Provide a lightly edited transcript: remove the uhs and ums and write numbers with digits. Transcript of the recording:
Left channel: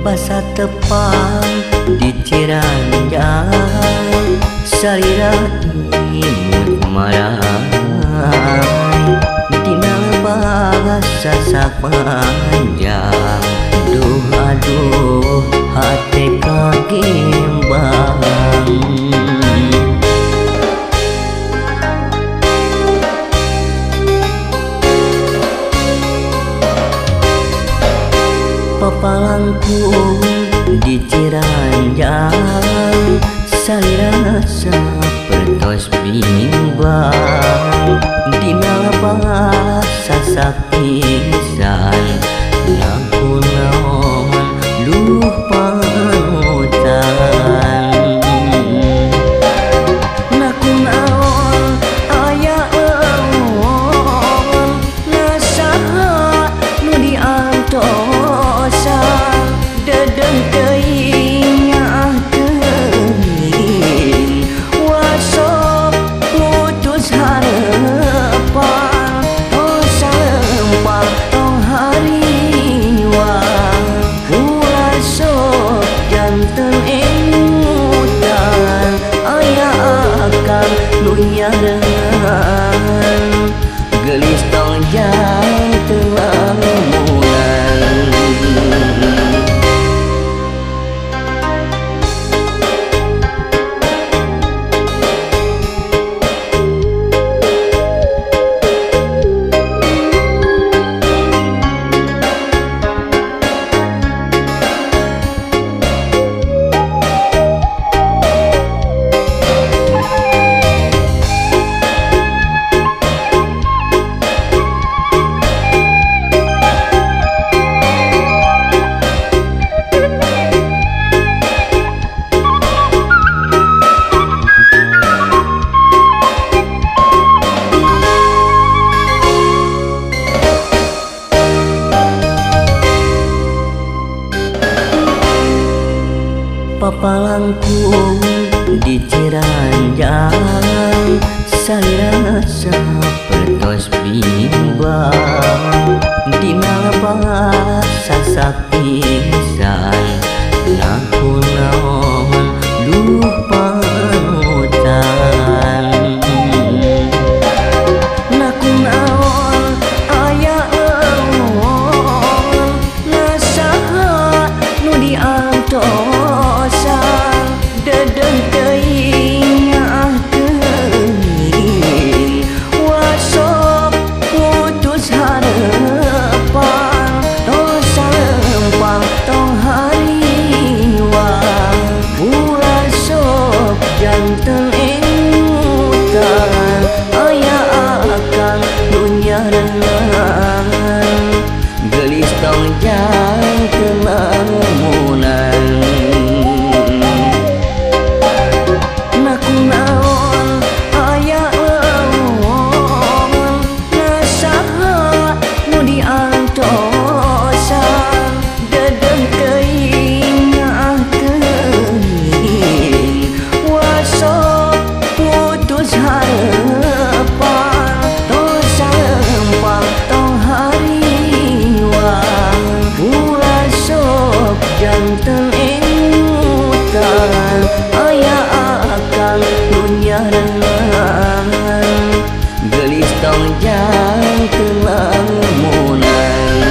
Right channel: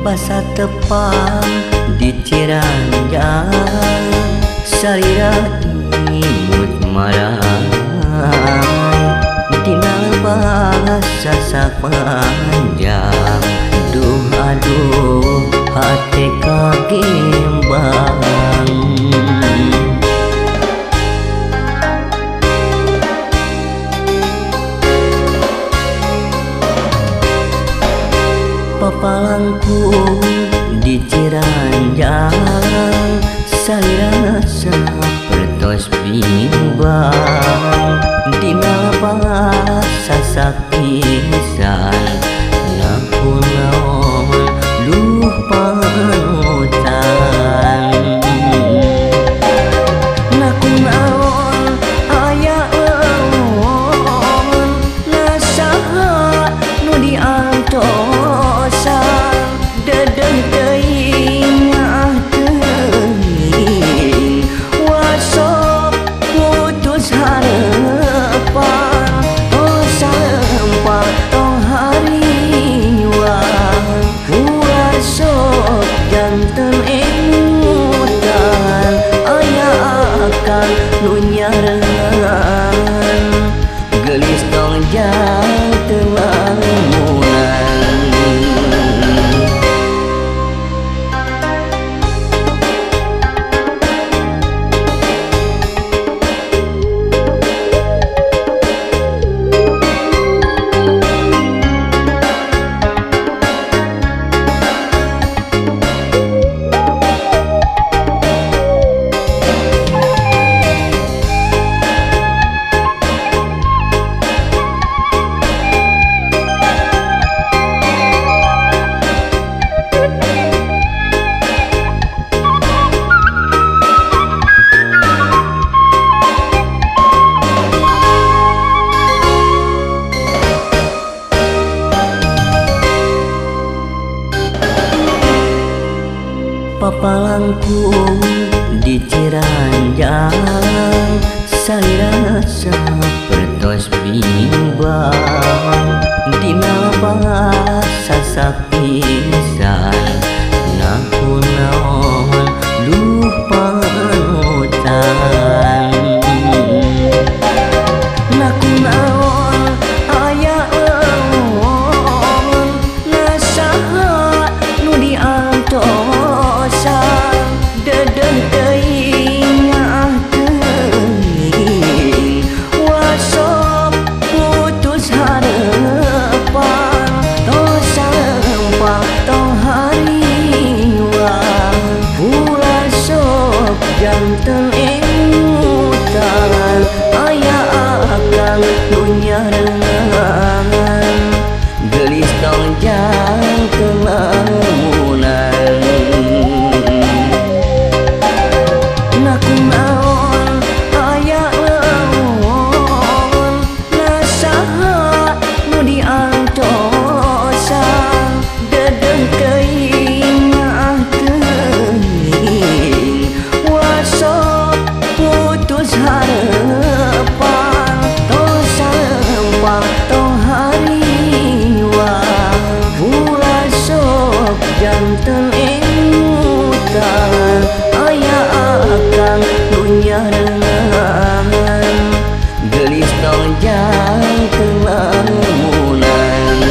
basa tepang di Ciranjang, salira imut marai dina lebah sasak panjang. Duh aduh hate kagembang. Papalangkung di Ciranjang, salira sapertos bimbang dina lebah sasak pisan. Naku naon luh panutan, naku naon aya laon nasaha nu diantosan. Dedeh teuing nyaah teuing wasop putus harepan. Tong salempal tong hariwang, ulah sok janten emutan. Aya akan nu nyareungan, geulis tong janten lamunan. Papalangkung di Ciranjang, salira sapertos bimbang dina lebah sasak pisan. Naku naon luh panutan, naku naon aya laon nasaha nu diantosan. Dedeh teuing nyaah teuing wasop putus harepan. Tong salempang tong hariwang, ulah sok janten emutan. Aya akang nu nyareungan, geulis tong janten lamunan. Naku naon aya laon nasaha nu diantosan. Dedeh teuing nyaah teuing wasop putus harepan. Tong salempang tong hariwang, ulah sok janten emutan. Aya akang nu nyareungan, geulis tong janten lamunan.